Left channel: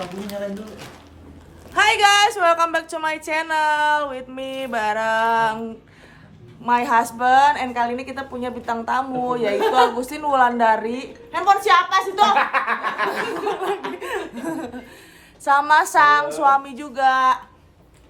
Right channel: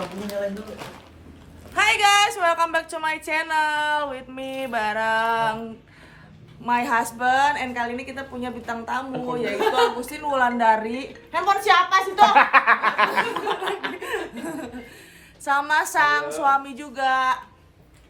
lampunya nyalain dulu. Hai guys, welcome back to my channel with me bareng my husband. And kali ini kita punya bintang tamu yaitu Agustin Wulandari. Handphone siapa sih tuh? Sama sang suami juga.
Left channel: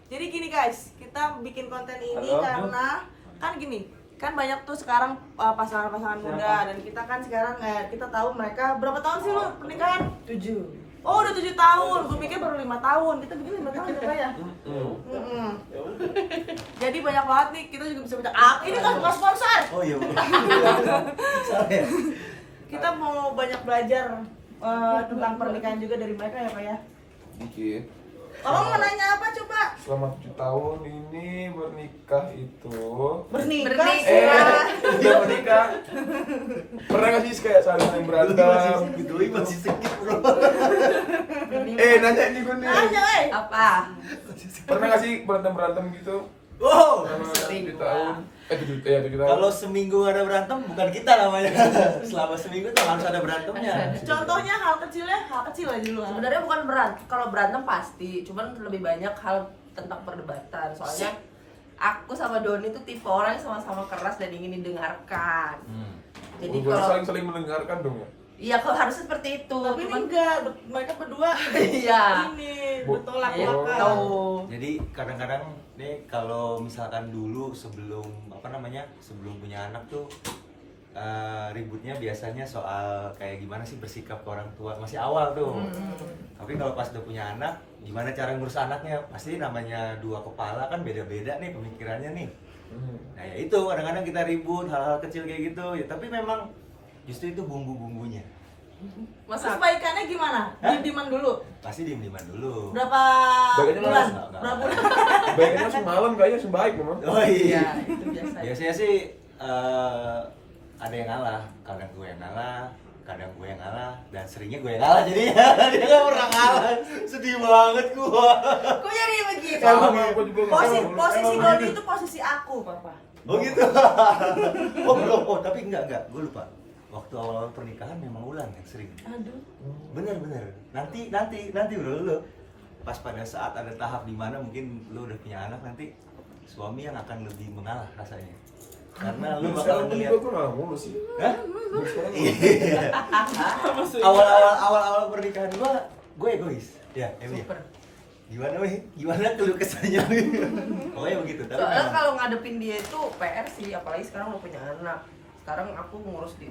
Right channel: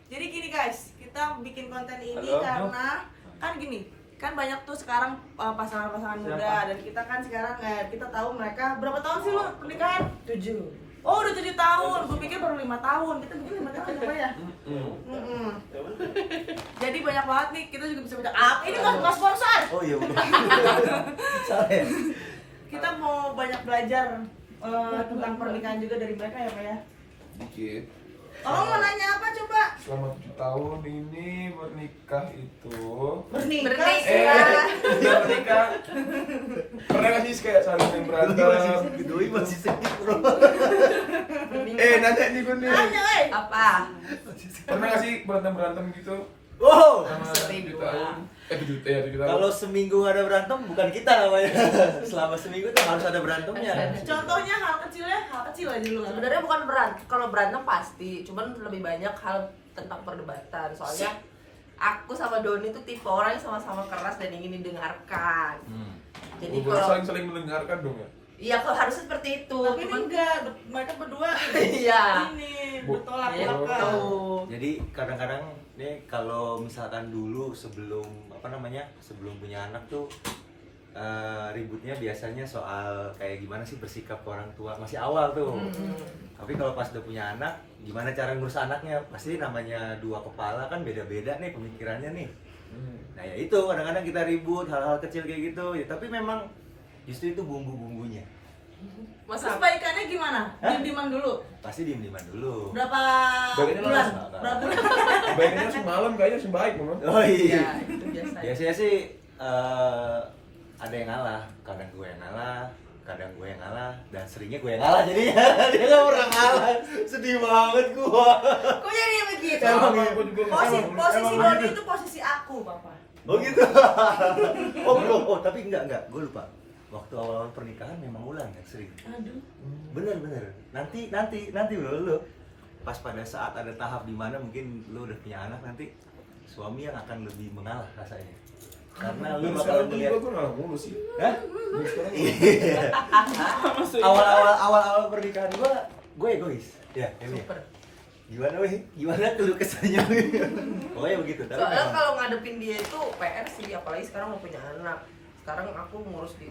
Jadi gini guys, kita bikin konten ini karena kan gini, kan banyak tuh sekarang pasangan-pasangan muda dan kita kan sekarang kita tahu mereka berapa tahun sih lo pernikahan? 7. Oh udah 7 tahun, gue pikir baru 5 tahun. Kita bikin 5 tahun apa ya? Jadi banyak banget nih, kita juga bisa baca apa? Ini kan bukan sponsor. Oh iya. Salah ya? Kita mau banyak belajar tentang pernikahan juga dari mereka ya Pak ya. Dikit. Kalau mau nanya apa coba? Selama 7 tahun ini bernikah itu Bernikah. udah bernikah. Pernah gak sih kayak saling berantem? Doi masih sedikit bro. Nanya ini gue nih. Nanya Apa? Pernah gak sih berantem gitu? Oh, Selama Sering 7 gua. tahun. 7 tahun. kalau seminggu ada berantem bukan kita namanya. Selama seminggu tuh harus ada berantemnya. Contohnya hal kecil aja dulu. Sebenarnya bukan kalau berantem pasti, cuman lebih banyak hal tentang perdebatan. Soalnya aku sama Doni tuh tipe orang yang sama-sama keras dan ingin didengarkan. Jadi kalau saling mendengarkan dong ya. iya kalau harusnya seperti itu, Tapi cuman enggak, mereka berdua iya. ini Bu- bertolak Gitu. belakang. Jadi kadang-kadang nih kalau misalkan dulu sebelum sebelum punya anak tuh ributnya biasanya soal kayak gimana sih bersikap ke orang tua masih awal tuh. Tapi kalau pas udah punya anak, gimana cara ngurus anaknya? Pasti namanya dua kepala kan beda-beda nih pemikirannya nih. Nah ya itu kadang-kadang kita ribut hal-hal kecil kayak gitu ya. Tapi memang justru itu bumbu-bumbunya. Terus Masa baikannya gimana? Diem-dieman dulu. Pasti diem-dieman dulu. Berapa Baikannya bulan? langsung. Berapa bulan? Baiknya semalam kayaknya sebaik memang. Oh iya, iya. itu biasa. Biasanya sih ada yang ngalah, kadang gue yang ngalah, kadang gue yang ngalah, dan seringnya gue yang ngalah jadi dia nggak pernah ngalah. Sedih banget gue. Kok jadi begitu? Emang Aku juga nggak Posisi tahu. posisi Emang Doni begitu. itu posisi aku, Papa. Oh gitu. Oh belum. Oh tapi enggak, gue lupa. Waktu awal-awal pernikahan memang Ulan yang sering. Aduh. Bener. Nanti lu. Pas pada saat ada tahap di mana mungkin lu udah punya anak nanti suami yang akan lebih mengalah rasanya. Karena lu bakal Sekarang pun ngeliat. juga gue nggak mulu sih. Hah? Sekarang Iya. Awal-awal pernikahan gue egois. Ya, Emilia. Super. Gimana tuh kesannya? Pokoknya begitu. Tapi Soalnya memang- kalau ngadepin dia itu PR sih, apalagi sekarang udah punya anak. Sekarang aku ngurus di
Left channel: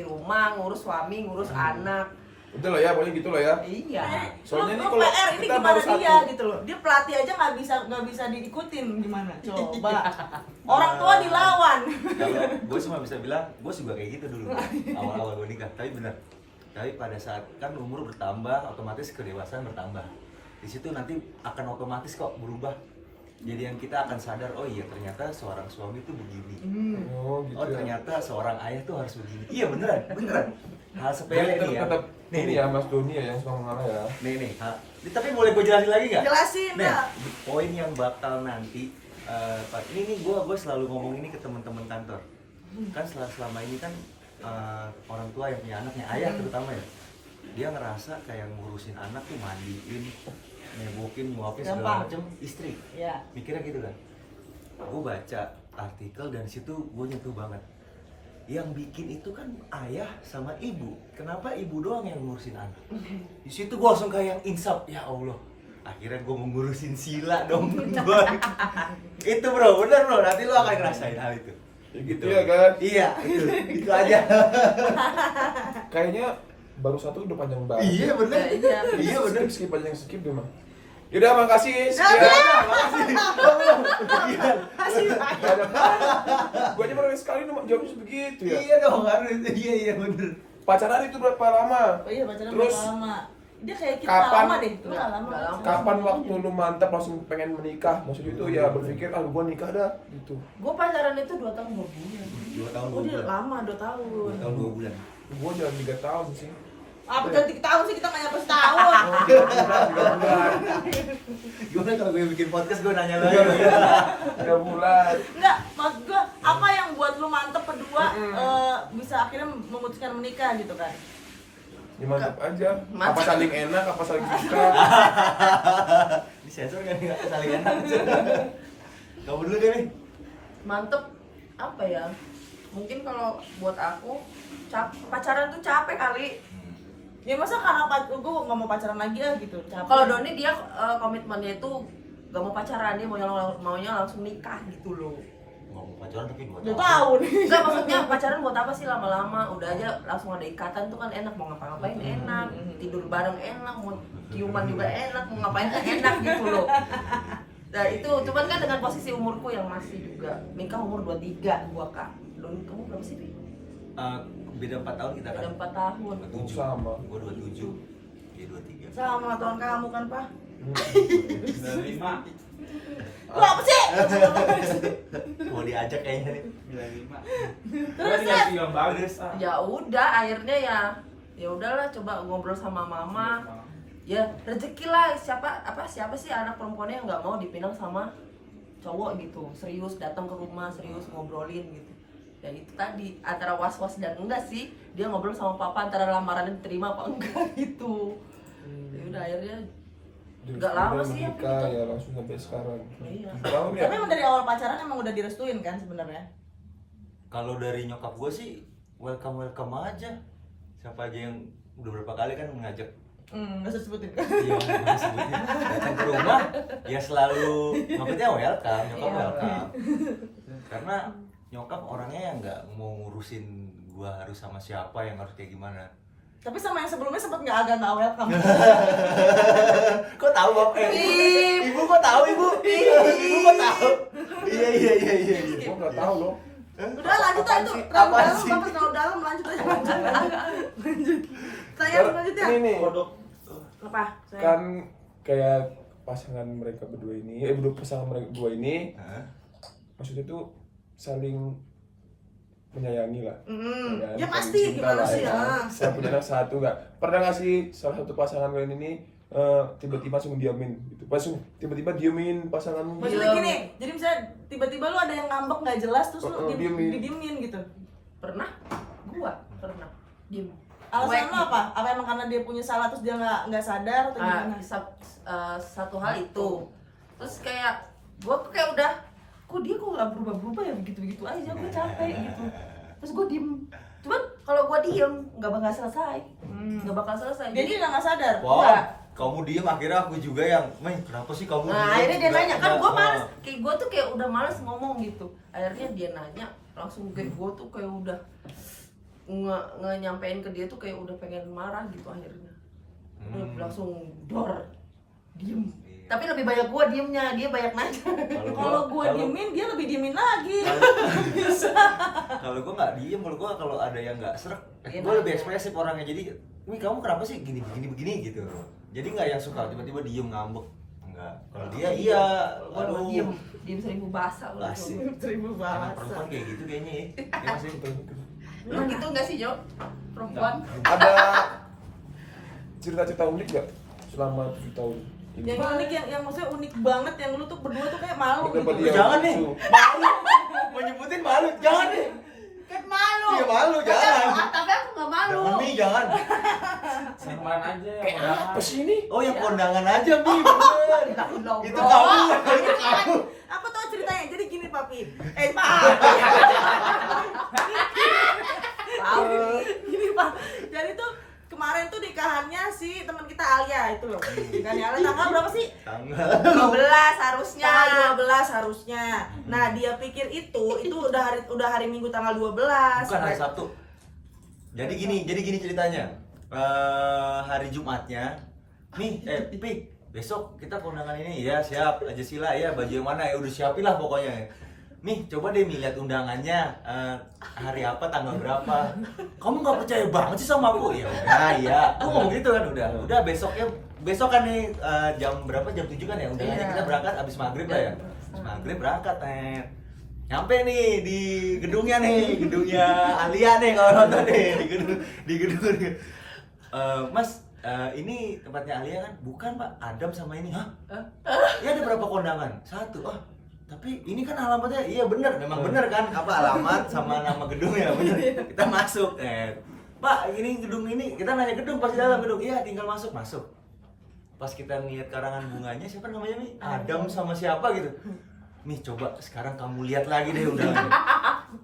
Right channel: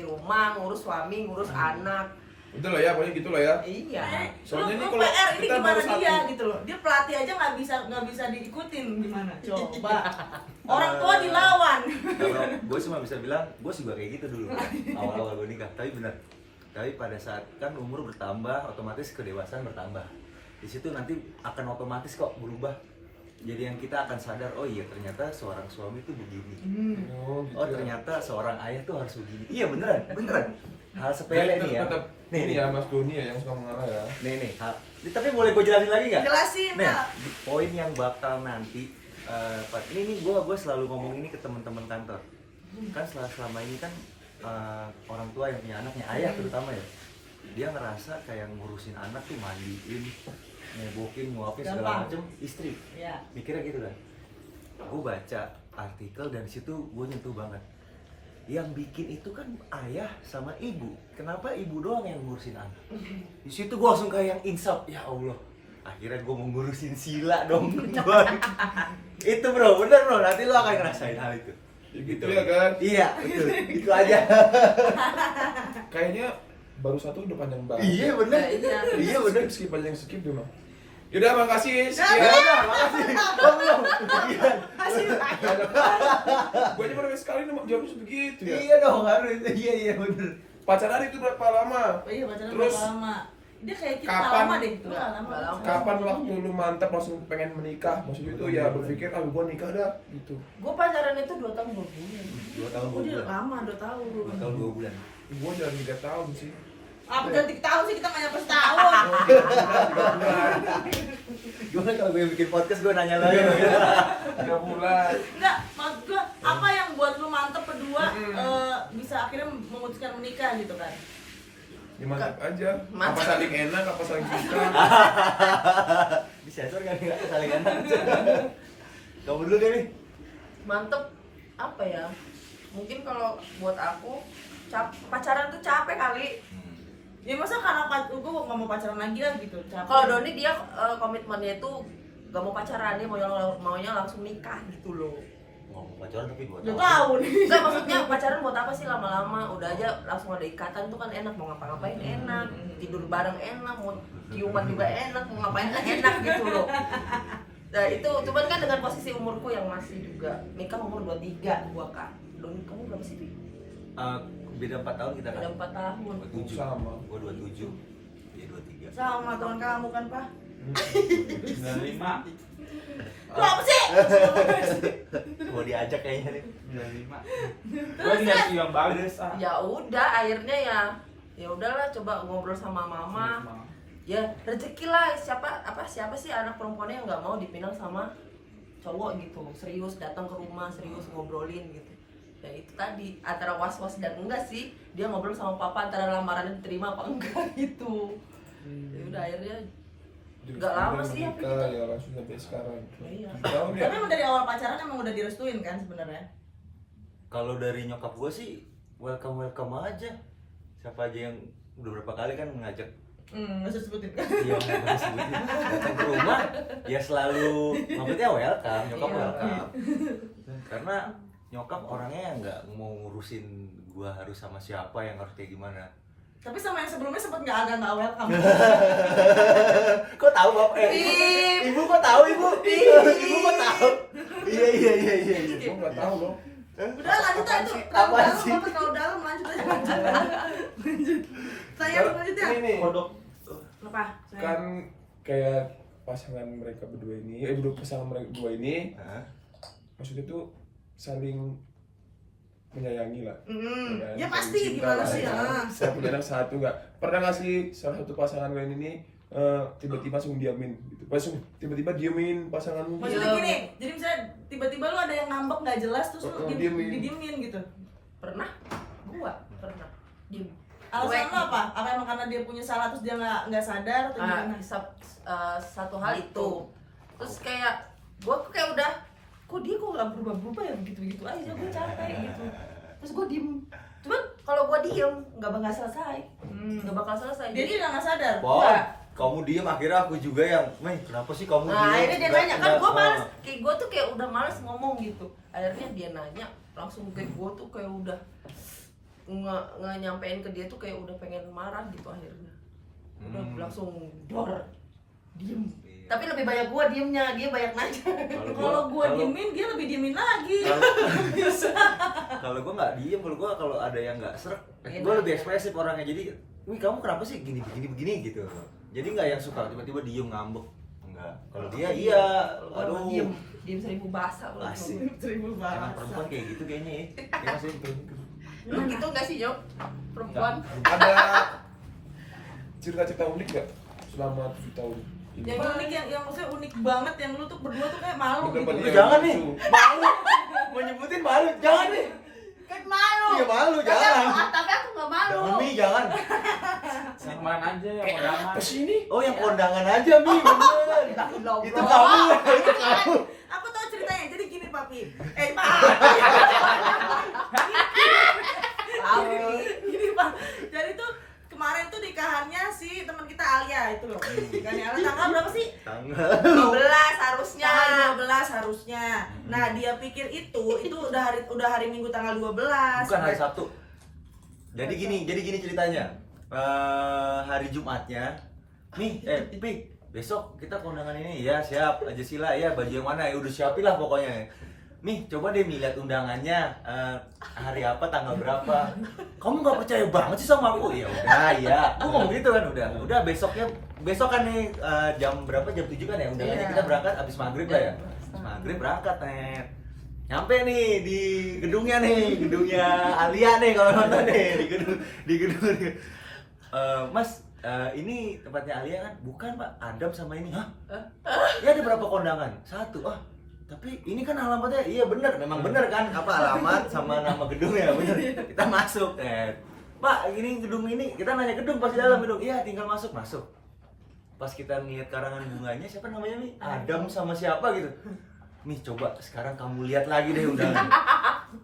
rumah, ngurus suami, ngurus anak. udah lah ya, pokoknya gitu lah ya. Iya. Soalnya Lu nih kalau PR ini kita gimana baru dia satu. gitu loh. Dia pelatih aja nggak bisa diikutin gimana? Coba. Orang tua dilawan. Kalau gue cuma bisa bilang, gue juga kayak gitu dulu awal-awal gue nikah. Tapi benar. Tapi pada saat kan umur bertambah, otomatis kedewasaan bertambah. Di situ nanti akan otomatis kok berubah. Jadi yang kita akan sadar, oh iya ternyata seorang suami itu begini. Oh gitu. Oh ya. ternyata seorang ayah tuh harus begini. Iya beneran. Hal sepele nih ya. Tetap Nih ini ya Mas Doni ya yang suka mengarah ya. Nih. Tapi boleh gue jelasin lagi nggak? Jelasin, Nah, Kak. di poin yang bakal nanti ini gue selalu ngomong ini ke teman-teman kantor. Kan selama ini kan orang tua yang punya anaknya ayah terutama ya, dia ngerasa kayak ngurusin anak tuh mandiin, nyebokin, nyuapin segala Gampang. macem istri. Iya. Mikirnya gitu kan. Gue baca artikel dan situ gue nyentuh banget. Yang bikin itu kan ayah sama ibu. Kenapa ibu doang yang ngurusin anak? Di situ gue langsung kayak yang insaf. Ya Allah, akhirnya gue mau ngurusin Sila dong. Itu bro, bener bro. Nanti lo akan ngerasain hal itu. Gitu ya kan? Iya, betul. Itu aja. Kayaknya baru satu udah panjang banget. Iya bener. Iya. Iya bener. Skip aja yang skip deh mah. Yaudah makasih. Nah, Sekian. Kasih. Gue aja baru sekali nih jawabnya sebegitu ya. Iya dong, harus. Iya bener. Pacaran itu berapa lama? Oh iya pacaran Terus berapa lama? Dia kayak kita kapan? nggak lama deh. Lu Nggak nggak lama. Kapan waktu lu mantap langsung pengen menikah? Maksudnya itu ya berpikir gua nikah dah gitu. Gue pacaran itu 2 tahun 2 bulan. 2 tahun Oh 2 dia bulan. lama 2 tahun. 2 tahun 2 bulan. Gua jalan 3 tahun sih. Apa ganti tahun sih kita nggak nyampe setahun. Gimana kalau gue bikin podcast gue nanya lagi? 3 bulan. Enggak, maksud gua apa yang buat lu mantep berdua bisa akhirnya memutuskan menikah gitu kan? Ya mantap aja. Apa Mantap. saling enak, apa saling suka. Di sensor kan nggak saling enak. Kamu dulu deh nih. Mantep apa ya? Mungkin kalau buat aku pacaran tuh capek kali. Ya masa karena gue nggak mau pacaran lagi lah gitu. Capek. Kalau Doni dia komitmennya itu gak mau pacaran, dia maunya langsung nikah gitu loh. Nggak mau pacaran tapi 2 udah tahun. tahu nih. Enggak, maksudnya pacaran buat apa sih lama-lama? Udah aja langsung ada ikatan tuh kan enak, mau ngapa-ngapain enak, tidur bareng enak, mau ciuman juga enak, mau ngapain enak gitu loh. Nah itu, cuman kan dengan posisi umurku yang masih juga nikah umur 23 gua Kak. Don, kamu berapa sih, Pi? Beda 4 tahun kita kan. Beda 4 tahun. 27. Sama. Gua 27. Dia 23. Sama tuan kamu kan Pak. 95. Lu apa sih? Mau diajak kayaknya nih. 95. Gua dikasih yang bagus. Ya udah, akhirnya ya udahlah, coba ngobrol sama mama. Ya rezeki lah, siapa sih anak perempuannya yang nggak mau dipinang sama cowok gitu, serius datang ke rumah, serius ngobrolin gitu. Ya itu tadi antara was-was dan enggak sih, dia ngobrol sama papa antara lamarannya diterima apa enggak gitu. Ya udah akhirnya nggak lama sih apa nikah, gitu. ya langsung sampai sekarang. Iya. Tahu ya? Tapi emang dari awal pacaran emang udah direstuin kan sebenarnya. Kalau dari nyokap gue sih welcome aja. Siapa aja yang udah berapa kali kan ngajak Nggak usah sebutin. dia datang ke rumah, ya selalu maksudnya welcome, nyokap Iya. welcome. Karena nyokap orangnya yang nggak mau ngurusin gua harus sama siapa, yang harus kayak gimana. Tapi sama yang sebelumnya sempet agak nggak welcome. Kok tahu bapak? Ibu kok tahu ibu? Ibu kok tahu? Iya. Gua nggak tahu loh. Udah lanjut aja tuh. Terlalu Apaan dalam, sih? bapak terlalu dalam, lanjut aja. Lanjut. Saya lanjut ya. Ini nih, Apa? Saya. kan kayak pasangan mereka berdua ini, pasangan mereka berdua ini, Hah? maksudnya tuh saling menyayangi lah. Ya saling pasti cinta gimana lah, sih ya. ya. Saya punya anak satu nggak pernah nggak sih salah satu pasangan kalian ini tiba-tiba langsung diamin gitu, langsung tiba-tiba diemin pasanganmu gitu. Maksudnya gini, jadi misalnya tiba-tiba lu ada yang ngambek nggak jelas terus lu Diemin. didiemin gitu. Pernah? Gua pernah. Diem. Alasan Cuek lu apa? Apa emang karena dia punya salah terus dia nggak sadar atau gimana? Satu hal itu, terus kayak gue kayak udah kok dia kok nggak berubah ya begitu aja, gue capek gitu, terus gue diem. Cuman kalau gue diem nggak bakal selesai, nggak bakal selesai. Dia juga nggak sadar. Wow, Enggak. kamu diem akhirnya aku juga yang, Mei kenapa sih kamu Nah diem?" akhirnya dia Nggak- nanya, kan nggak- gue males, kayak gue tuh kayak udah males ngomong gitu. Akhirnya dia nanya langsung kayak gue tuh kayak udah nggak nyampein ke dia tuh kayak udah pengen marah gitu akhirnya. Udah langsung dor, diem. Iya. Tapi lebih banyak gue diemnya, dia banyak nanya. Kalau gua diemin dia lebih diemin lagi. Kalau gue nggak diem, kalau ada yang nggak serak, Iya, gue lebih nanya. ekspresif orangnya. Jadi, wih kamu kenapa sih gini begini gitu. Jadi nggak yang suka tiba-tiba diem ngambek. Enggak. Kalau dia iya, Waduh, aduh. diem 1000 bahasa kalau Asik. gua. 1000 Emang bahasa. perempuan kayak gitu kayaknya ya. Ya masih. Lu gitu nggak sih Jo? Perempuan? Ada cerita-cerita unik nggak selama 7 tahun ini? Yang unik yang maksudnya unik banget yang lu tuh berdua tuh kayak malu Bukan gitu. pada yang Jangan nih. lucu. Malu. Mau nyebutin malu. Jangan nih. Kan malu. Iya malu, jangan. Tapi aku nggak malu. Jangan nih, jangan. Selingkuhan aja ya. Kayak apa sih ini? Oh, yang kondangan aja, Mi. Bener. Itu kamu ya, itu kamu. Aku tahu ceritanya. Jadi gini, Papi. Pak. Gini, Pak. Jadi tuh kemarin tuh nikahannya si teman kita Alia itu loh. Nikahannya Alia tanggal berapa sih? Tanggal 12 harusnya. Tanggal 12 harusnya. Nah, dia pikir itu udah hari Minggu tanggal 12. bukan hari Sabtu. Jadi gini ceritanya. Hari Jumatnya, nih, Pi, besok kita kondangan ini ya, siap aja sila ya, baju yang mana ya udah siapin lah pokoknya. Nih, coba deh lihat undangannya hari apa, tanggal berapa. Kamu nggak percaya banget sih sama aku? Ya udah, ya. Aku ngomong gitu kan udah besok kan nih jam berapa? Jam 7 kan ya undangannya, Iya. kita berangkat abis maghrib lah ya. Maghrib berangkat, nyampe nih di gedungnya Alia nih kalau nonton nih di gedung. Mas, ini tempatnya Alia kan? Bukan Pak, Adam sama ini. Hah? Ya ada berapa kondangan? 1. Tapi ini kan alamatnya, iya bener, memang bener kan? Apa alamat sama nama gedungnya bener. Kita masuk, Pak ini gedung ini, kita nanya gedung pas di dalam gedung, iya tinggal masuk. Pas kita ngeliat karangan bunganya, siapa namanya Mi? Adam sama siapa gitu. Mi coba sekarang kamu lihat lagi deh udah.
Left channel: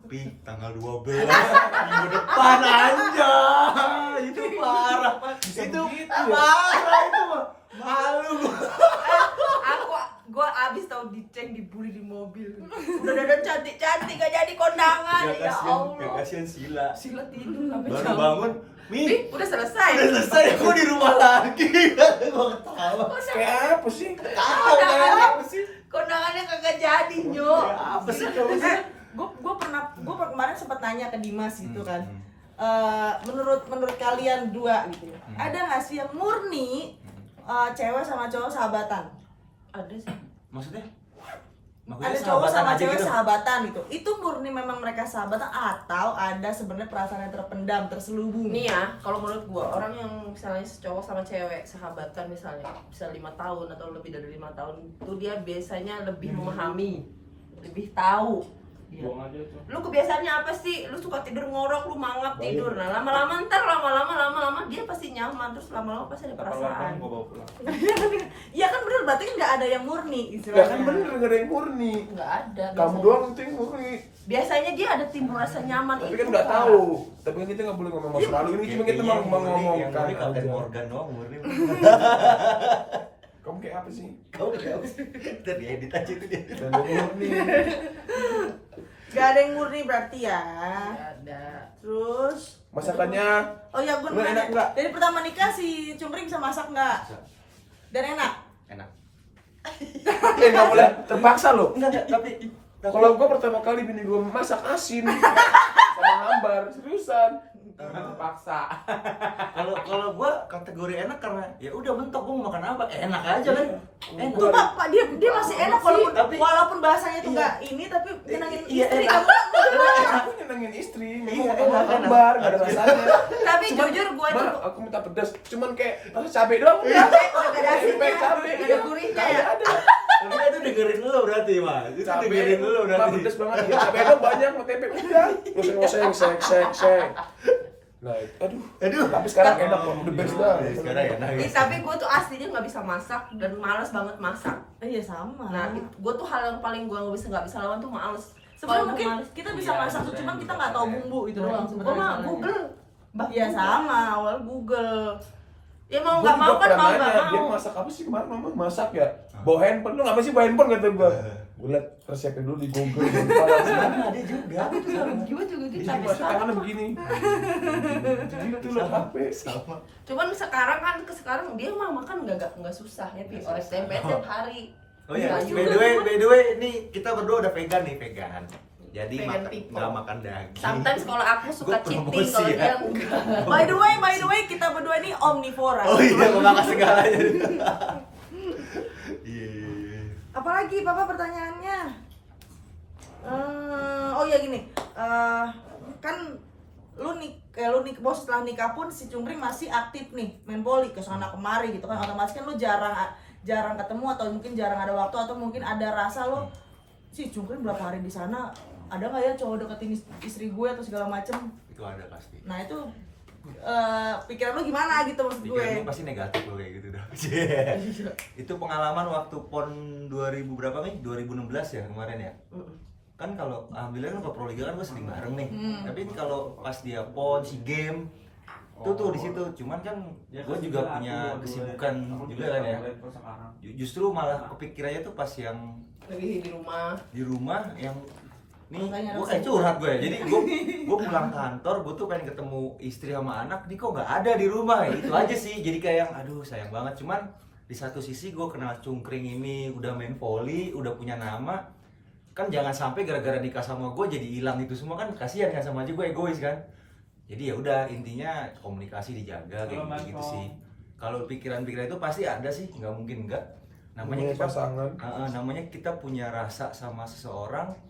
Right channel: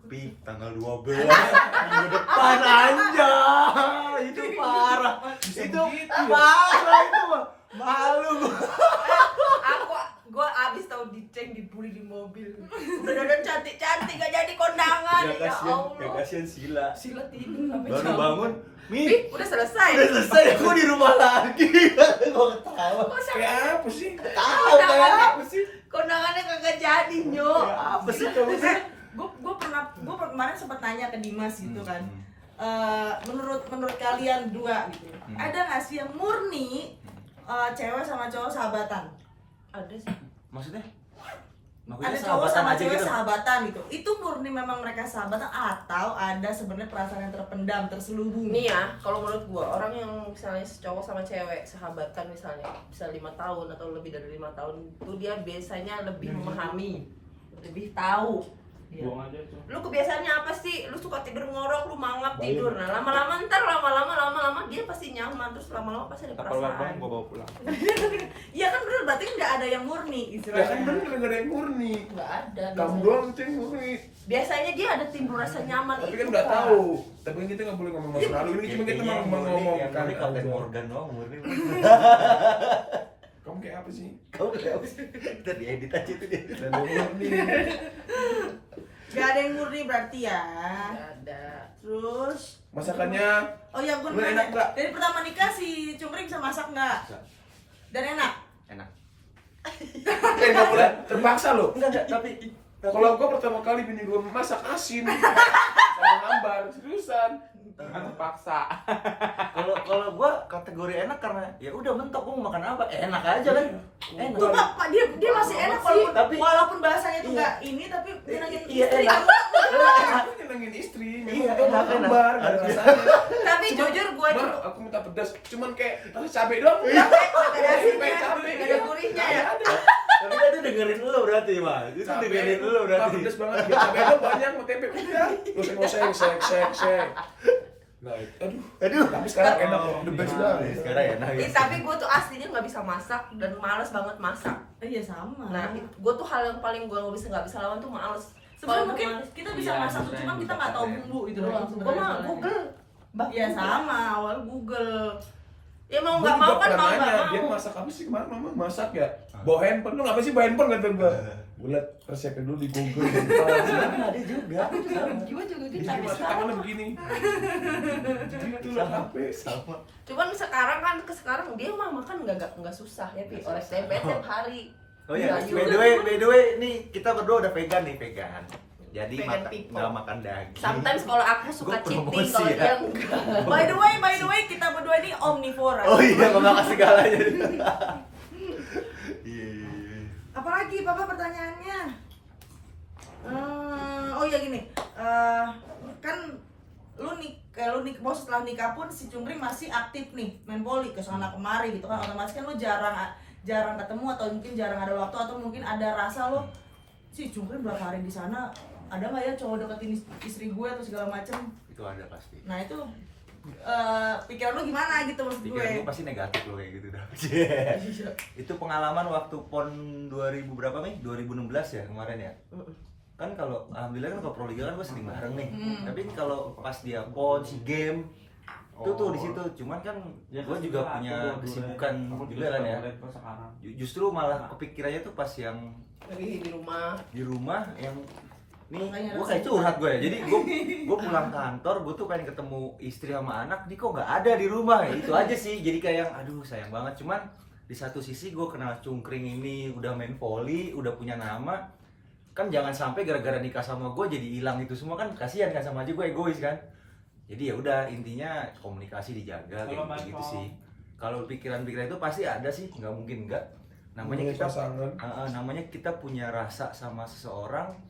Pi tanggal 12 minggu depan aja. Itu parah. Itu parah itu mah. Malu gua. Gue abis tau diceng dibully di mobil. Udah dadan cantik gak jadi kondangan. Ya Allah. Kasihan Sila. Sila tidur sampai Baru jam. bangun, Mi. Ih, udah selesai. Udah selesai, aku di rumah lagi. Gua ketawa. Kayak apa sih? Tahu kayak apa sih? Kondangannya kagak jadi, Nyok. Apa sih kamu sih? Gue kemarin sempat nanya ke Dimas gitu kan. Menurut kalian dua gitu, ada nggak sih yang murni cewek sama cowok sahabatan? Ada sih. Maksudnya? Ada cowok sama cewek sahabatan gitu. Itu murni memang mereka sahabatan atau ada sebenarnya perasaan yang terpendam, terselubung? Nih ya, kalau menurut gua orang yang misalnya cowok sama cewek sahabatan misalnya bisa 5 tahun atau lebih dari 5 tahun itu dia biasanya lebih memahami, lebih tahu. Dia. Buang aja tuh. Lu kebiasaannya apa sih? Lu suka tidur ngorok, lu mangap tidur. Nah, lama-lama dia pasti nyaman, terus lama-lama pasti ada perasaan. Gua bawa pulang. Iya kan bener, berarti kan nggak ada yang murni Lah kan istilahnya. bener gak ada yang murni. Enggak ada. Kamu biasanya. doang itu yang murni. Biasanya dia ada timbul rasa nyaman Tapi itu. kan nggak Kak. tahu. Tapi kan kita nggak boleh ngomong masa lalu ini, cuma kita Kayaknya mau ngomongkan yang murni Kapten aja. Morgan doang murni. Kamu kayak apa sih? Kau kayak apa sih? Kita diedit aja itu dia. Dan yang murni. Gak ada yang murni berarti ya. Nggak ada. Terus Masakannya oh ya gue Lu enak nggak? dari pertama nikah si Cumpring bisa masak nggak? Bisa. Dan enak? Enak. nggak boleh terpaksa loh. Enggak, tapi Kalau gua pertama kali bini gua masak asin sama hambar, seriusan. Jangan dipaksa. kalau gua kategori enak karena ya udah mentok gua mau makan apa enak aja kan. Enak. Tuh Pak, dia masih enak walaupun Tapi- walaupun bahasanya itu Iya. nggak ini tapi nyenengin Iya, istri. enak. Aku nyenengin istri, Iya, memang enak, hambar, enak. gak ada rasanya. Tapi jujur gue itu Mbak, aku minta pedas, cuman kayak rasa cabai doang. capek, gak ada asinnya, Cabai, gak ada gurihnya ya. Tapi itu dengerin lu berarti, Mas. Itu dengerin lu Mbak, berarti. pedas banget. Ya, cabai doang banyak, mau tempe udah. Ngoseng-ngoseng, sek. Nah, aduh. Tapi sekarang enak kok, the best dah. Sekarang enak ya. Tapi gue tuh aslinya nggak bisa masak dan males banget masak. Iya sama. Nah, gue tuh hal yang paling gue nggak bisa lawan tuh males. Sebenarnya Kalau mungkin males, kita bisa Iya, masak tuh, maksudnya cuman kita nggak tahu juga bumbu itu gue doang mah sebenarnya. Google. Iya sama, awal Google. Ya mau Gua nggak juga mau kan pernah mau nggak nanya, Dia mau. masak apa sih kemarin mama? Masak ya? Bawa handphone, lu ngapa sih bawa handphone kata gua? Gua liat resepnya dulu di Google. Sama dia juga. Aku juga gue juga gitu Jadi tapi masak sekarang. tangannya begini. Jadi itu lo HP. Sama. Cuman sekarang kan sekarang dia mah makan nggak susah ya, Pi. Oleh tempe tiap hari. Oh iya, Sayur. by the way, nih kita berdua udah vegan nih, vegan. Jadi Vegan makan people. nggak makan daging. Sometimes kalau aku suka Gua cheating, promosi kalau ya. dia enggak. By the way, kita berdua ini omnivora. Oh iya, memakan segalanya. Iya. Apalagi Papa pertanyaannya? Oh ya gini, kan lu mau setelah nikah pun si Cumpring masih aktif nih main voli ke sana kemari gitu kan, otomatis kan lu jarang ketemu atau mungkin jarang ada waktu atau mungkin ada rasa lu si Cumpring berapa hari di sana, ada nggak ya cowok deketin istri gue atau segala macem. Itu ada pasti. Nah itu pikiran lu gimana gitu maksud gue. Pikiran gue pasti negatif loh kayak gitu dah. Itu pengalaman waktu PON 2000 berapa nih? 2016 ya kemarin ya. Kan kalau alhamdulillah kan ke Proliga kan gue sering bareng nih. Tapi kalau pas dia PON si game itu tuh di situ. Cuman kan gue juga punya kesibukan juga kan ya. Justru malah kepikirannya tuh pas yang Lagi di rumah. yang nih Makanya gue harus kayak curhat gue ya. Jadi gue pulang kantor, gue tuh pengen ketemu istri sama anak, nih kok nggak ada di rumah ya. Itu aja sih. Jadi kayak yang aduh sayang banget. Cuman di satu sisi gue kenal Cungkring ini udah main volley, udah punya nama. Kan jangan sampai gara-gara nikah sama gue jadi hilang itu semua, kan kasihan kan, sama aja gue egois kan. Jadi ya udah intinya komunikasi dijaga kayak gitu sih. Kalau pikiran-pikiran itu pasti ada sih, nggak mungkin enggak. Namanya kita pasangan. namanya kita punya rasa sama seseorang.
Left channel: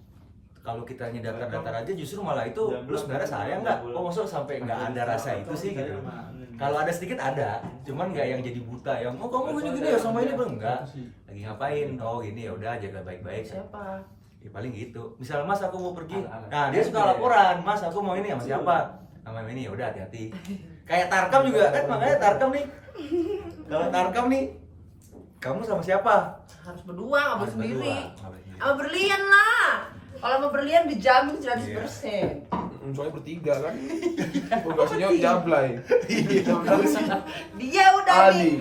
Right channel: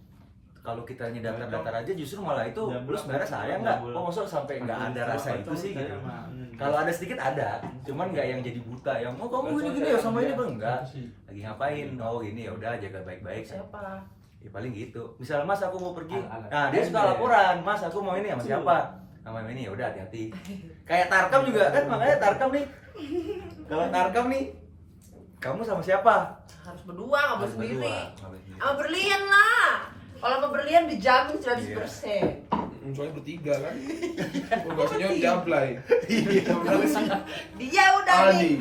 Kalau kita datar-datar aja justru malah itu lu sebenarnya sayang nggak? Kok maksud sampai nggak ada rasa itu sih gitu. Kalau ada sedikit ada, cuman nggak yang jadi buta yang oh kamu gini-gini ya sama ini bang, enggak. Lagi ngapain? Oh gini ya udah jaga baik-baik. Siapa? Ya paling gitu. Misal Mas aku mau pergi, nah dia suka laporan, Mas aku mau ini sama siapa. sama ini ya udah hati-hati. Kayak Tarkam juga kan, makanya Tarkam nih. Kalau Tarkam nih, kamu sama siapa? Harus berdua, nggak boleh Harus sendiri. berdua, nggak boleh sendiri. Sama berlian lah. Kalau sama berlian dijamin 100%. Soalnya bertiga kan. Tugasnya jablay. Dia udah Ali. nih.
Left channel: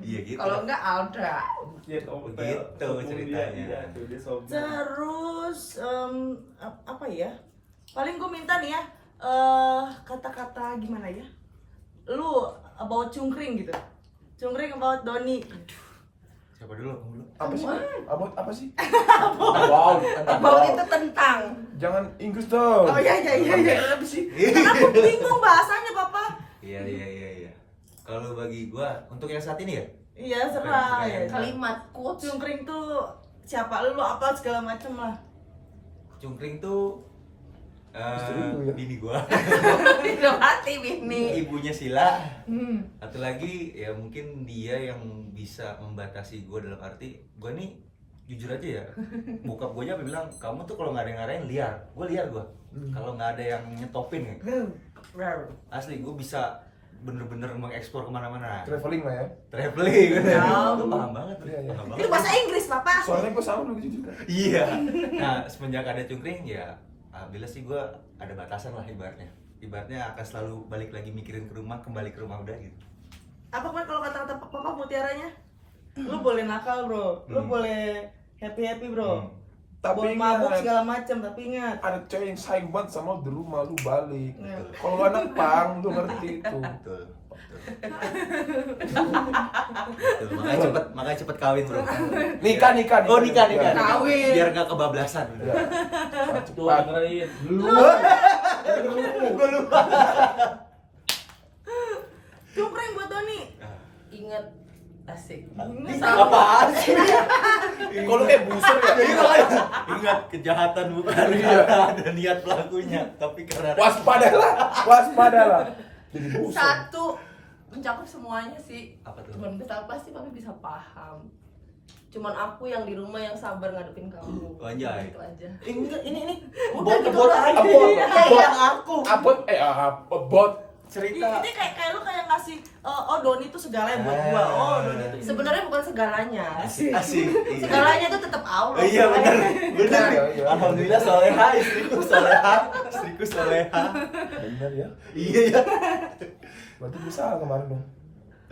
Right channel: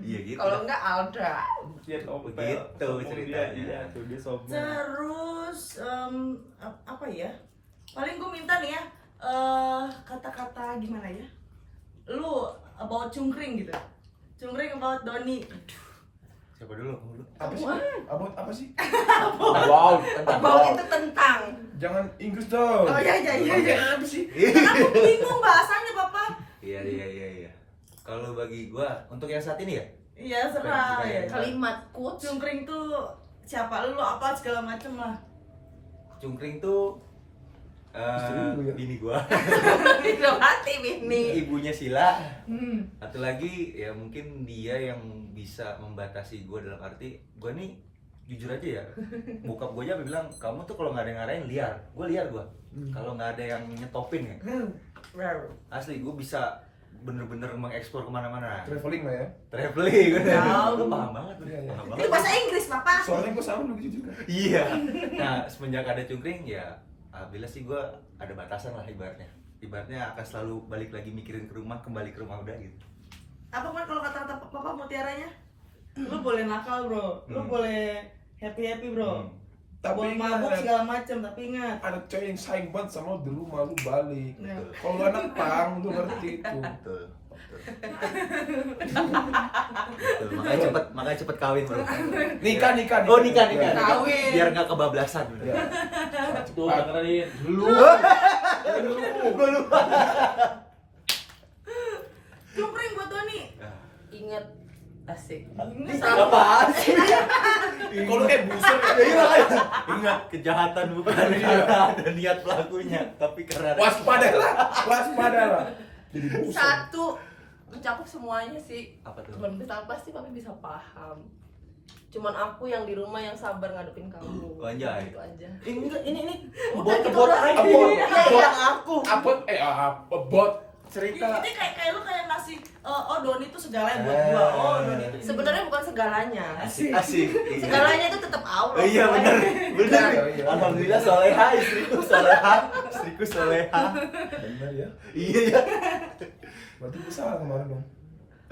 Iya gitu. Kalau enggak Alda. Begitu ceritanya. Terus apa ya? Paling gue minta nih ya kata-kata gimana ya? Lu about Cungkring gitu. Cungkring about Doni. Siapa dulu? Apa sih? Apa sih? Wow, About itu tentang. Jangan Inggris dong. Oh iya. Apa sih? Karena aku bingung bahasanya, Bapak. Iya. Kalau bagi gua untuk yang saat ini ya, Iya, serah Bukan ya. yang- Kalimat quotes. Cungkring tuh siapa lu apa segala macem lah. Cungkring tuh Istri lu ya? bini gua, Udah mati bini. ibunya Sila. Satu lagi ya mungkin dia yang bisa membatasi gua dalam arti gua nih jujur aja ya, bokap gua aja bilang kamu tuh kalau nggak ada yang ngarahin liar, gua liar gua. Kalau nggak ada yang nyetopin ya, asli gua bisa bener-bener mengeksplor kemana-mana. Traveling lah ya. Traveling, udah. Tahu. Gua paham banget, Iya, iya. paham Itu banget. bahasa Inggris, Bapak. Soalnya gue sama begitu juga. Iya. Nah, semenjak ada Cungkring ya alhamdulillah sih gue ada batasan lah ibaratnya. Ibaratnya akan selalu balik lagi mikirin ke rumah, kembali ke rumah udah gitu. Apa pun kalau kata-kata Papa mutiaranya? Lu boleh nakal, Bro. Lu boleh happy-happy, Bro. Boleh mabuk ingat, segala macam, tapi ingat. ada cewek yang sayang banget sama lu di rumah lu balik. Nah. Kalau lu anak pang lu ngerti itu. Betul. Betul. Makanya cepet kawin, Bro. Nikah. Oh, nikah. Ya. Kawin. Biar nggak kebablasan. Ya. Tuh Cepat. dengerin. Gue lupa. Cungkring buat Doni. Ingat asik. Apaan sih? Kalau lu kayak busur ya. Jadi makanya ingat kejahatan bukan karena ada niat pelakunya, tapi karena Waspadalah. Jadi busur. Satu mencakup semuanya sih. Apa tuh? Cuman bisa pasti papi bisa paham. Cuman aku yang di rumah yang sabar ngadepin kamu. Oh, anjay. Itu aja. Enggak, ini Udah gitu bot udah. aja. Abot. Iya, aku. Bot. Cerita. Ini kayak lu kayak ngasih oh Doni tuh segalanya buat gua. Oh, Doni tuh Sebenarnya bukan segalanya. Asik. Iya. Segalanya itu tetap Allah. Iya benar. Benar. Iya. Alhamdulillah soleha, istriku soleha. Benar ya. Iya ya. Berarti bisa kemarin dong.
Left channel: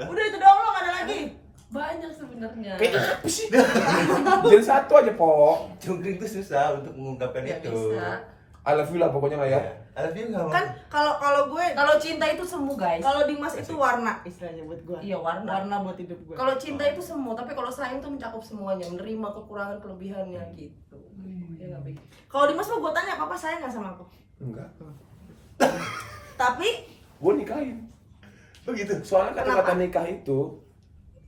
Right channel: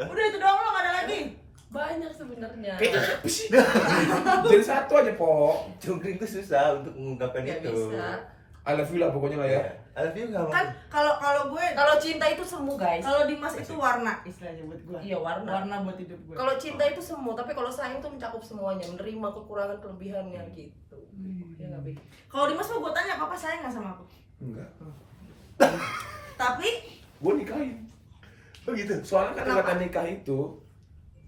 Udah itu doang lo, gak ada lagi. Banyak sebenarnya. Kayak apa sih? Jadi satu aja, Po. Cungkring itu susah untuk mengungkapkan Nggak itu. bisa. I love you lah pokoknya lah ya. Alvin nggak mau. Kan kalau gue Kalau cinta itu semu guys. kalau Dimas itu warna istilahnya buat gua. Iya warna. Warna buat hidup gua. Kalau cinta itu semu, tapi kalau sayang itu mencakup semuanya, menerima kekurangan kelebihannya gitu. Ya nggak Bi? Kalau Dimas mah gua tanya, Papa sayang gak sama aku? Enggak. Tapi Gue nikahin. Begitu. Soalnya Kenapa? kata nikah itu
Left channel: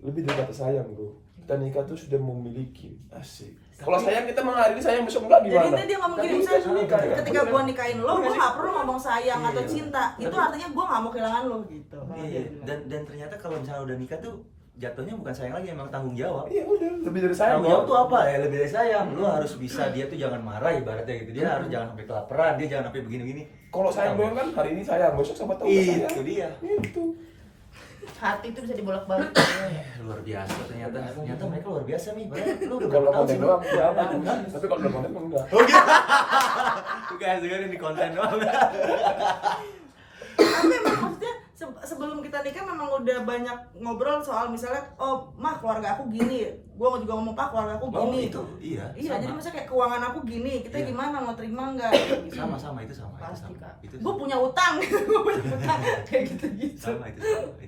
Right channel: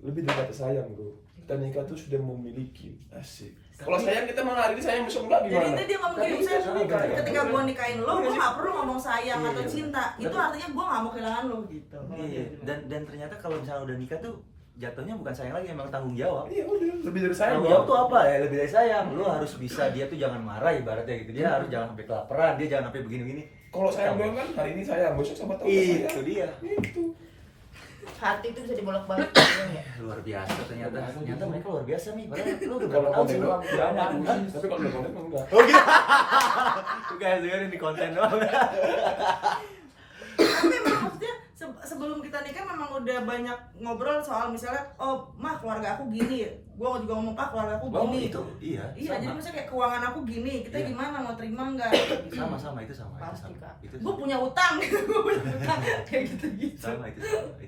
lebih dari kata sayang, Bro. Kita nikah tuh sudah memiliki. Asik. Kalau sayang kita malah hari ini sayang besok enggak jadi gimana? intinya dia ngomong Tapi gini, kita saya sudah nikah, ya. ketika gua nikahin lo, gua gak perlu ngomong sayang Iya. atau cinta. Itu artinya gua gak mau kehilangan lo gitu. Kalau dia Iya. bilang. Dan ternyata kalau misalnya udah nikah tuh jatuhnya bukan sayang lagi, emang tanggung jawab. Iya udah, lebih dari sayang. Tanggung jawab tuh apa ya? Lebih dari sayang. Lu harus bisa, dia tuh jangan marah ibaratnya gitu. Dia harus jangan sampai kelaparan, dia jangan sampai begini-begini. Kalau sayang doang kan hari ini sayang, besok sama tahu sayang. Itu dia. Itu. Hati itu bisa dibolak-balik. Luar biasa ternyata. Ternyata mereka luar biasa nih. Padahal lu udah Kalau berapa tahun konten sih lu? doang ya, tapi kalau udah konten mah enggak. Oh gitu. Tuh guys, dengerin di konten doang. Tapi memang maksudnya sebelum kita nikah memang udah banyak ngobrol soal misalnya, oh mah keluarga aku gini, gua juga ngomong pak keluarga aku Oh, gini. itu iya. Iya, jadi misalnya kayak keuangan aku gini, kita Iya. gimana mau terima nggak? Sama itu sama. Pasti, Kak. Itu Gue punya utang, gue punya utang kayak gitu. sama itu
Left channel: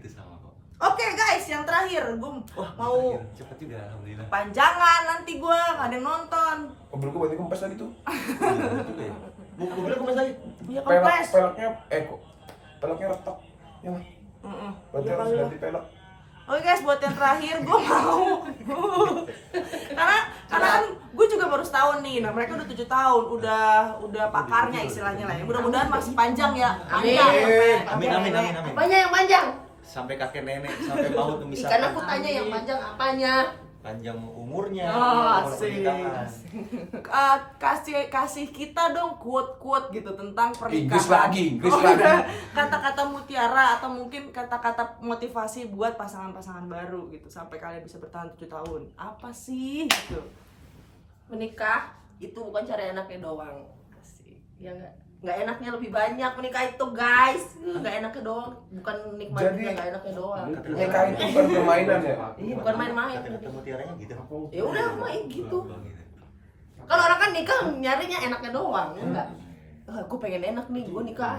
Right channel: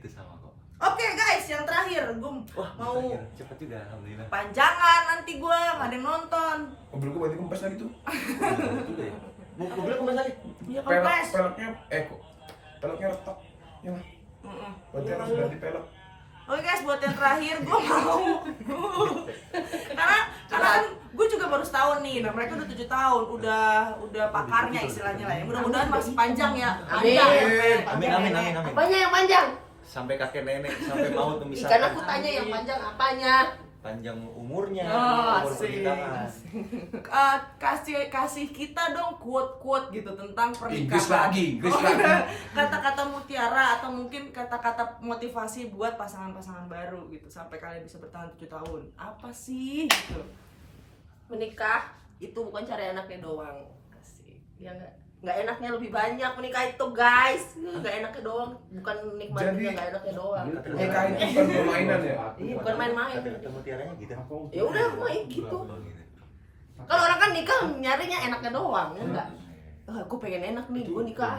sama kok. Oke guys, yang terakhir gue Wah, mau cepet juga alhamdulillah. panjangan nanti gue nggak ada yang nonton. Mobil gue bantu kempes lagi tuh. Iya, juga ya. Mobilnya kempes lagi. Iya kempes. Peleknya kok. Peleknya retak. Ya. Berarti Iya, harus kali. ganti pelek. Oke guys, buat yang terakhir gue mau karena kan gue juga baru setahun nih, nah mereka udah 7 tahun, udah pakarnya istilahnya lah ya. Mudah-mudahan masih panjang ya. Amin. Panjang. Amin. Apanya yang panjang? Sampai kakek nenek, sampai paut memisahkan. Ikan aku tanya yang panjang apanya? panjang umurnya, Oh, umur asik. pernikahan. Kasih kita dong quote gitu tentang pernikahan. Inggris lagi. Kata-kata mutiara atau mungkin kata-kata motivasi buat pasangan-pasangan baru gitu sampai kalian bisa bertahan 7 tahun. Apa sih gitu? Menikah itu bukan cari anaknya doang. Asik. Ya nggak enaknya lebih banyak menikah itu guys. Nggak enaknya doang, bukan nikmatin Jadi- yang nggak enaknya doang. Nikah itu bukan permainan ya. Iya, bukan main-main. Kata-kata mutiaranya gitu. Ya udah aku mah gitu. Oh, gitu. Kalau orang kan nikah nyarinya enaknya doang, ya enggak? Gue pengen enak nih, gue nikah.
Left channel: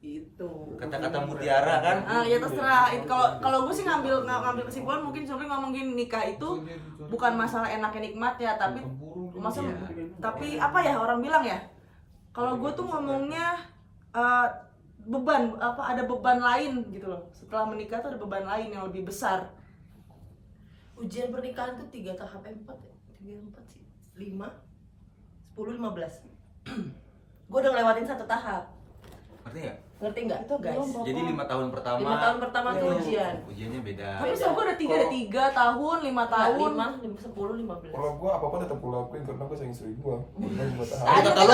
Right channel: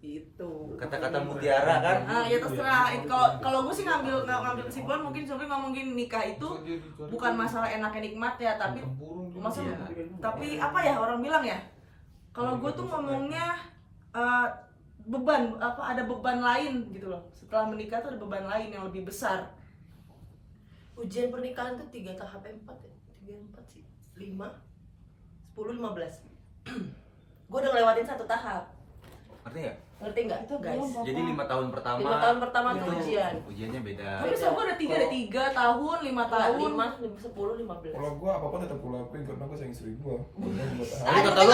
Gitu. Kata-kata mutiara kan. Ya terserah. Kalau gue sih ngambil kesimpulan mungkin Sobri ngomongin nikah itu bukan masalah enaknya nikmat ya, tapi masalah tapi apa ya orang bilang ya? Kalau gue tuh ngomongnya beban ada beban lain gitu loh. Setelah menikah tuh ada beban lain yang lebih besar. Ujian pernikahan tuh 3 tahap 4 ya? 3, 4 sih 5, 10, 15 Gue udah ngelewatin 1 tahap. Ngerti nggak? Ngerti nggak guys? Jadi 5 tahun pertama. 5 tahun pertama tuh ujian. Ujiannya beda. Tapi so gue ada 3 tahun, 5 tahun. 5, 10, 15 Kalau gue apapun tetap gue lakuin karena gue sayang istri gue. Tadi kata lu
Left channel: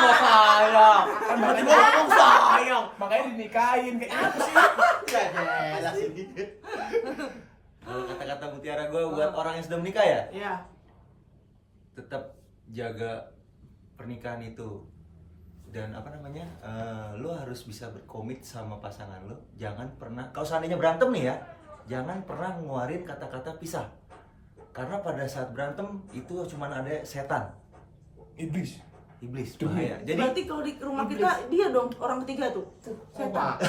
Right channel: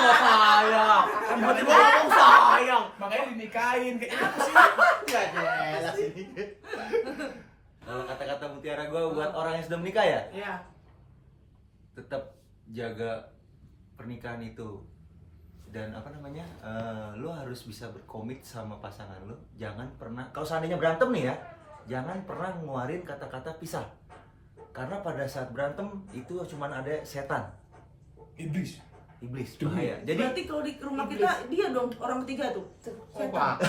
nggak sayang. Tiba-tiba ngomong sayang. Makanya dinikahin kayak gitu sih. Nggak jelas ini. Kalau kata-kata mutiara gue buat orang yang sudah menikah ya, Ya. tetap jaga pernikahan itu. Dan apa namanya, lo harus bisa berkomit sama pasangan lo. Jangan pernah, kalau seandainya berantem nih ya, jangan pernah ngeluarin kata-kata pisah. Karena pada saat berantem itu cuma ada setan, iblis, bahaya. Jadi Berarti kalau di rumah kita dia dong orang ketiga tuh. Setan.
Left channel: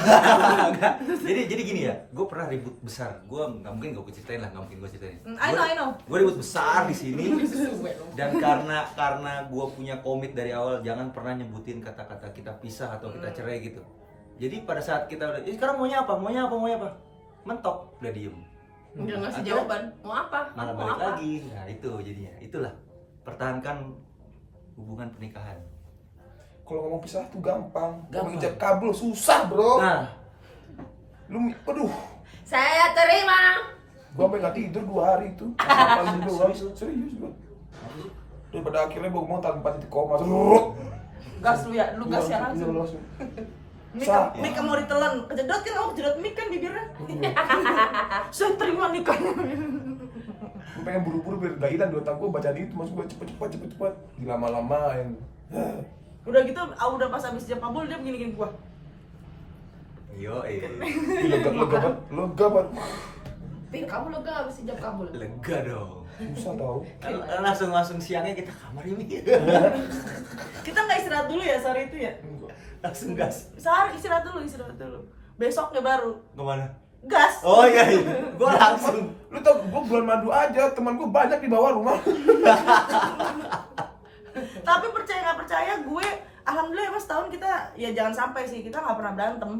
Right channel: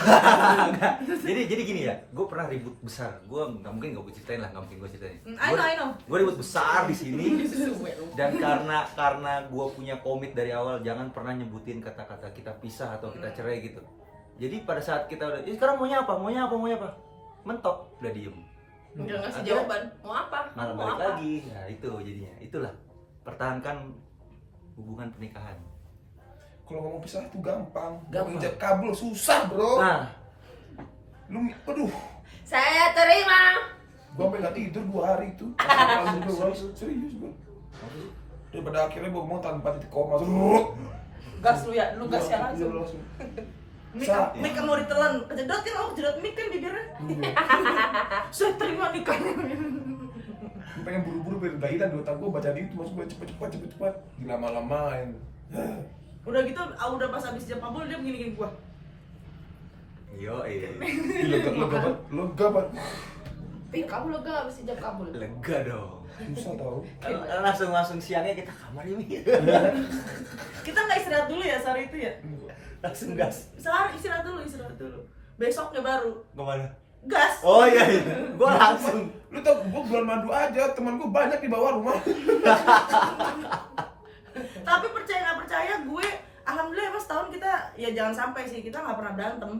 enggak. Jadi gini ya, gue pernah ribut besar. Gue nggak mungkin gue ceritain lah, nggak mungkin gue ceritain. I know. Gue ribut besar di sini. Dan karena gue punya komit dari awal, jangan pernah nyebutin kata-kata kita pisah atau kita cerai gitu. Jadi pada saat kita udah, sekarang maunya apa? Mentok, udah diem. Udah ngasih Akhirnya jawaban, mau apa? Malah Mau balik apa? lagi. Nah itu jadinya, itulah. Pertahankan hubungan pernikahan. Kalau ngomong pisah tuh gampang. Gampang. Menginjak kabel susah bro. Nah, Aduh. Saya terima. Gue sampai nggak tidur 2 hari itu. Paling doang. Serius gue. Ya pada akhirnya gue ngomong tanpa titik koma. Gas lu ya, lu gas ya langsung. Mik mau ditelan, kejedot kan, kejedot mik kan bibirnya. Saya terima nikahnya. Gue pengen buru-buru biar gak hilang di otak gue baca itu, maksud gue cepet-cepet dilama-lamain. Udah gitu, udah pas habis jam kabul dia begini-gini gua. Lega banget. Pi, kamu lega habis jam kabul. lega dong. Susah tau. Langsung siangnya kita kamar ini. Kita nggak istirahat dulu ya sehari itu ya? Langsung gas. Sehari istirahat dulu. Besoknya baru Kemana? gas. Oh iya, gua langsung. Lu tau gue bulan madu aja, teman gue banyak di bawah rumah. Tapi percaya nggak percaya gue, alhamdulillah emang setahun kita ya jangan sampai sih kita nggak pernah berantem.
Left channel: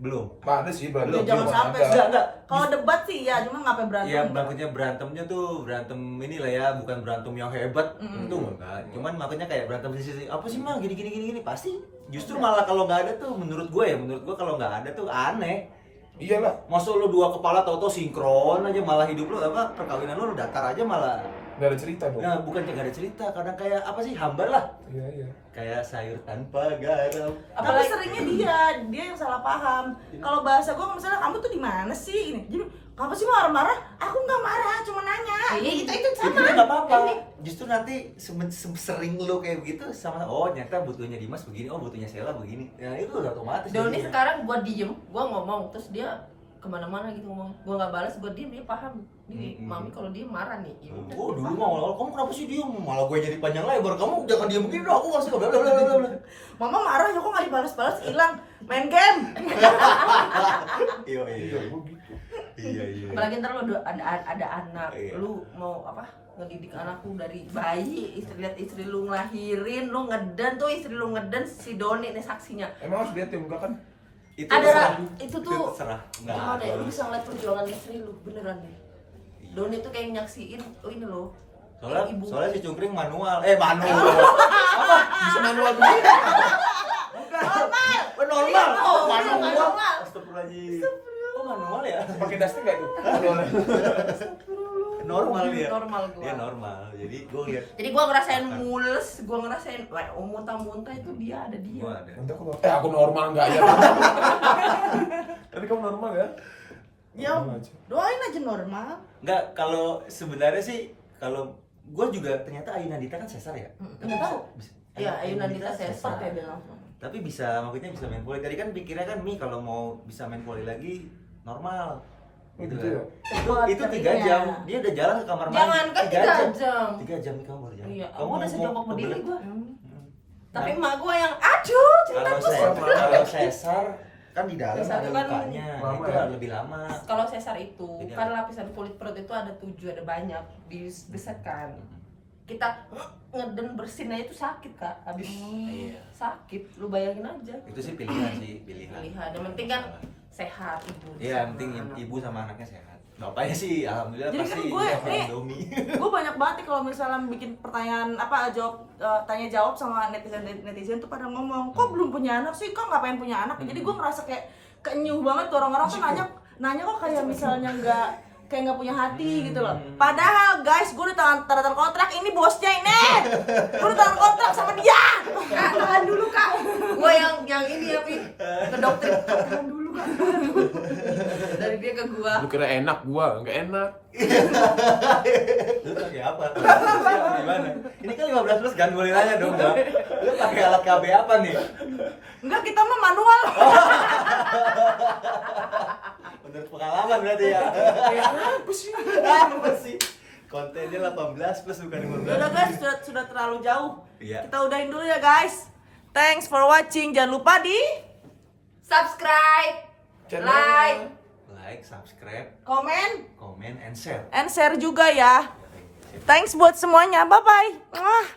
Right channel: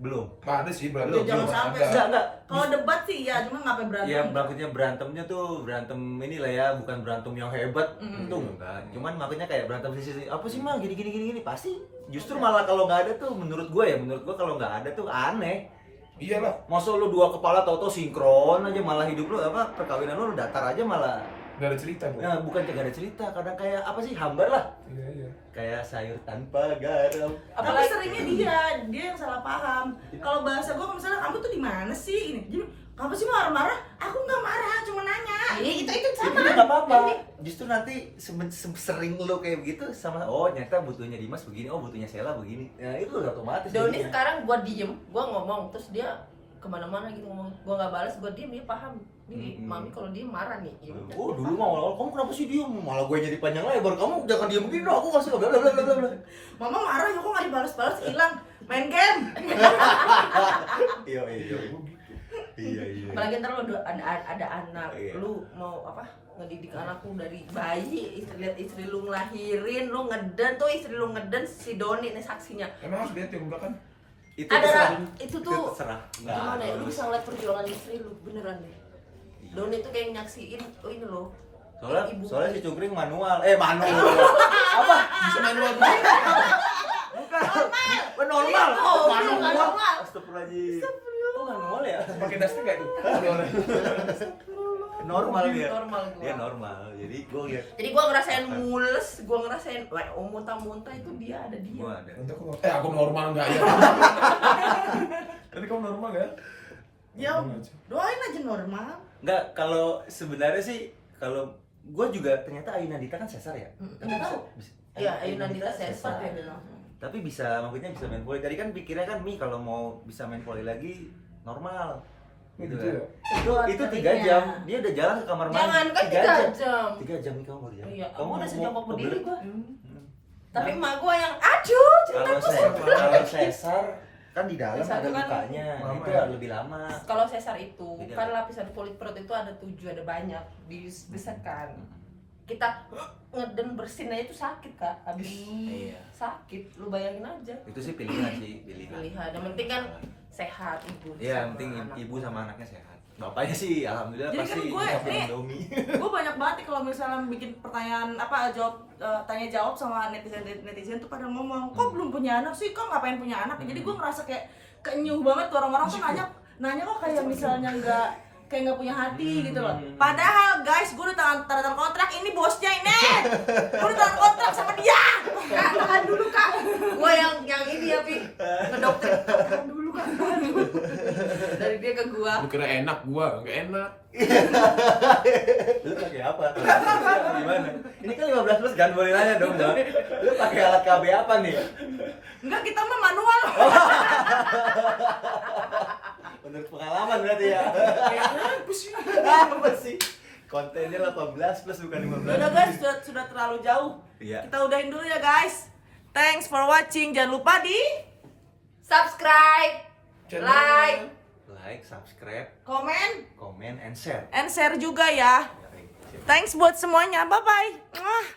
Belum. Ada sih berantem. Belum, Jangan belum sampai. ada. Enggak. Kalau debat sih ya, cuma ngapain berantem? Ya maksudnya berantemnya tuh berantem inilah ya, bukan berantem yang hebat. Itu enggak. Cuman makanya kayak berantem sisi apa sih mah gini pasti. Justru malah kalau nggak ada tuh menurut gue kalau nggak ada tuh aneh. Iyalah. Masa lu 2 kepala tau-tau sinkron aja, malah hidup lu apa perkawinan lu datar aja malah. Gak ada cerita bro. Nah, bukan gak ada cerita, kadang kayak apa sih, hambar lah. Iya. Kayak sayur tanpa garam. Tapi seringnya dia yang salah paham. Kalau bahasa gue misalnya kamu tuh di mana sih ini? Jadi kenapa sih marah-marah? Aku nggak marah, cuma nanya. Itu Itu sama. nggak apa-apa. Justru nanti sering lu kayak begitu sama, oh ternyata butuhnya Dimas begini, oh butuhnya Sheila begini. Nah itu udah otomatis. Doni jadinya. sekarang gua diem, gua ngomong, terus dia kemana-mana gitu ngomong, gua nggak balas, gua diem, dia paham. Nih mami kalau dia marah nih, ya udah. Oh dulu mah awal-awal kamu kenapa sih diem? Malah gue jadi panjang lebar, kamu jangan diem begini dong, aku nggak suka bla bla bla bla bla. Mama marah, ya kok nggak dibalas-balas, hilang main game. Iya. Iya. Apalagi ntar lu ada anak, Iya. lu mau apa? Ngedidik anakku dari bayi, lihat istri lu ngelahirin, lu ngeden tuh istri lu ngeden, si Doni nih saksinya. Emang harus lihat ya enggak kan? Itu Ada terserah. itu tuh terserah. Nggak gimana ya? Lu harus. bisa ngeliat perjuangan istri lu beneran deh. Doni tuh kayak nyaksiin, oh ini loh. Soalnya si Cungkring manual. Manual. Apa? Bisa manual tuh? Normal. Manual. Astagfirullahaladzim. Oh manual ya? Pakai daster nggak itu? normal dia. Normal gua. Dia normal. Jadi gue lihat Jadi gua ngerasain mules, gua ngerasain muntah-muntah itu dia ada dia. gue ada. Nanti aku normal nggak ya? Tapi kamu normal ya? Ya, Normal aja. doain aja normal. Enggak, kalau sebenarnya sih kalau gue juga ternyata Ayu Nandita kan sesar ya. Nggak tahu. Iya, Ayu Nandita sesar. Cepat ya dia langsung. Tapi bisa, maksudnya bisa main volley. Tadi kan pikirnya kan Mi kalau mau bisa main volley lagi normal. Gitu Gitu kan. ya? Buat Itu 3 keringnya. jam. Dia udah jalan ke kamar mandi. Jangan kan 3 jam. 3 jam nih kamu baru jalan. Iya, Kamu aku udah mau sejongkok berdiri kebelet. gua. Hmm. Tapi emak gua yang aduh, cerita Kalau sesar kan di dalam Sesar ada itu kan lukanya. lama Itu ya? lebih lama. kalau sesar itu Beda. kan lapisan kulit perut itu ada 7, ada banyak dibesetkan. Kita ngeden bersin aja itu sakit kak, habis Iya. sakit, lu bayangin aja. Itu sih pilihan sih, pilihan. Pilihan, yang penting kan sehat ibu. Iya, yang sama penting anak. ibu sama anaknya sehat. Bapaknya sih alhamdulillah Jadi pasti kan gue makan nih- Indomie. Gue banyak banget nih kalau misalnya bikin pertanyaan tanya jawab sama netizen tuh pada ngomong, kok belum punya anak sih, kok ngapain punya anak? Jadi gue ngerasa kayak kenyuh banget tuh orang-orang tuh nanya kok kayak misalnya nggak punya hati gitu loh. Padahal guys, gue udah tanda tangan kontrak, ini bosnya ini. Gue udah tanda kontrak sama dia. Kak, tahan dulu kak. Gua yang ini ya Pi, ngedoktrin. Tahan dulu kak, tahan dulu. Dari dia ke gua. Lu kira enak gua, nggak enak. Lu pakai apa? Gimana? Ini kan 15 plus kan, boleh nanya dong, Bang. Lu pakai alat KB apa nih? Enggak, kita mah manual. Menurut pengalaman berarti ya. Apa sih? Apa sih? Kontennya 18 plus bukan 15. Udah guys, sudah terlalu jauh. Iya. Kita udahin dulu ya guys. Thanks for watching. Jangan lupa di Subscribe, Channel. like, Like, subscribe, komen, comment, and share. and share juga ya. Thanks buat semuanya. Bye bye.